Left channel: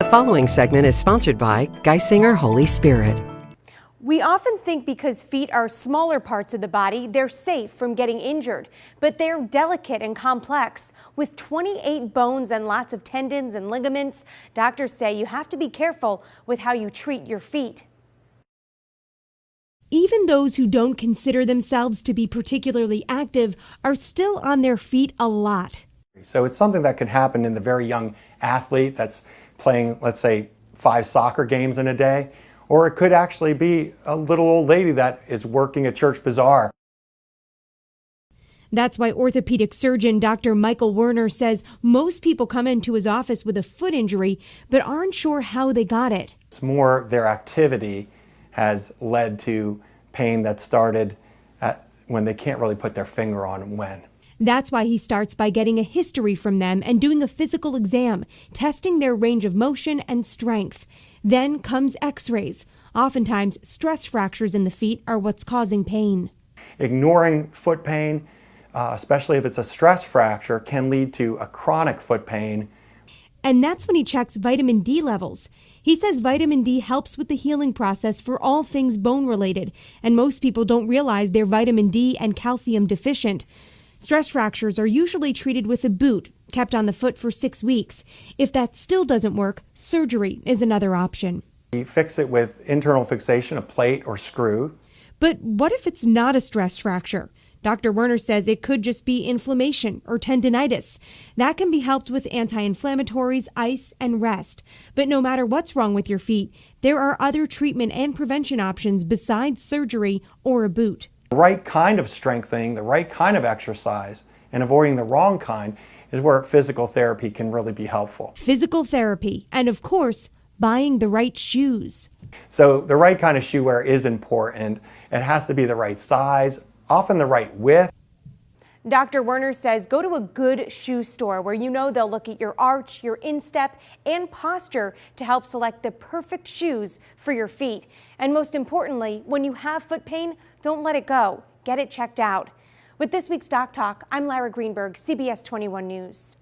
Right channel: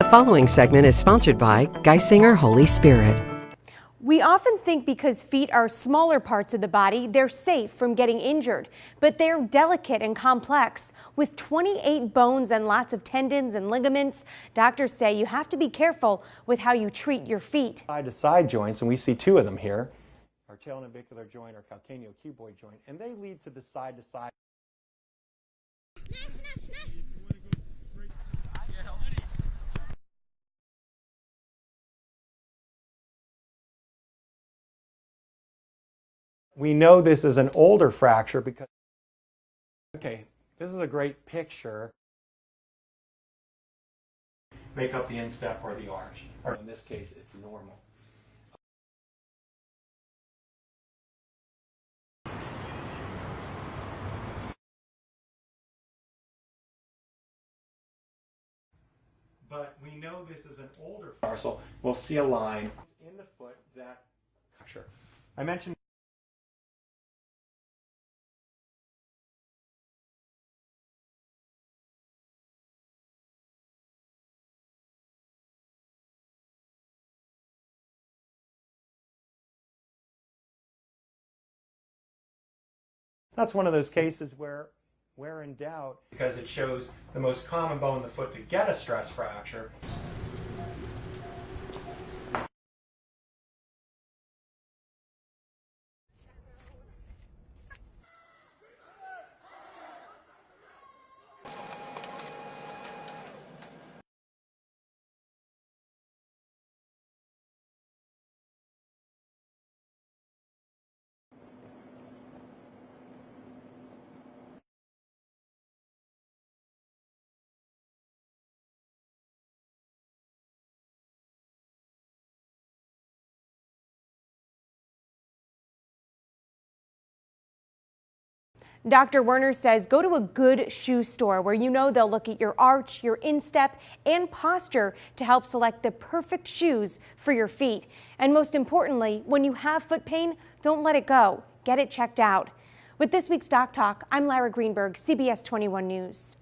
The following segment is sponsored by Geisinger Holy Spirit. We often think because feet are smaller parts of the body, they're safe from getting injured, but they're delicate and complex. With 28 bones and lots of tendons and ligaments, doctors say you have to be careful with how you treat your feet. Side-to-side joints, and we see two of them here. Even those who don't consider themselves to be particularly active are still on their feet a lot. So it's something that could happen in the very young athlete that's playing, let's say, 5 soccer games in a day. Or it could actually be a little old lady that is working a church bazaar. We know this is an older fracture because that's why orthopedic surgeon Dr. Michael Werner says most people come into his office with a foot injury but aren't sure how they got it. it's more their activity has led to pain that started when they can't really put their finger on when. That's why he starts by getting a history from them and doing a physical exam, testing their range of motion and strength. Then comes x-rays. Oftentimes, stress fractures in the feet are what's causing pain. Ignoring foot pain, especially if it's a stress fracture, can lead to a chronic foot pain. And that's when he checks vitamin D levels. He says vitamin D helps with the healing process for all things bone related, and most people don't realize they're vitamin D and calcium deficient. That's one of those cases. Stress fractures are usually treated with a boot, kept on the foot for 6 weeks. If that still doesn't work, surgery is another option. You fix it with internal fixation, a plate or screw. But what if it's not a stress fracture? Dr. Werner says it could just be inflammation or tendinitis. That can be helped with anti-inflammatories, ice, and rest. But no matter what's wrong with your feet, there are other treatment and prevention options besides surgery or a boot. The right kind of strengthening, the right kind of exercise, and avoiding the wrong kind is where physical therapy can really be helpful. Physical therapy, and of course, buying the right shoes. So the right kind of shoe wear is important. It has to be the right size, often the right width. Dr. Werner says go to a good shoe store where you know they'll look at your arch, your instep, and posture to help select the perfect shoes for your feet. And most importantly, when you have foot pain, don't let it go. Get it checked out. With this week's Doc Talk, I'm Lara Greenberg, CBS 21 News.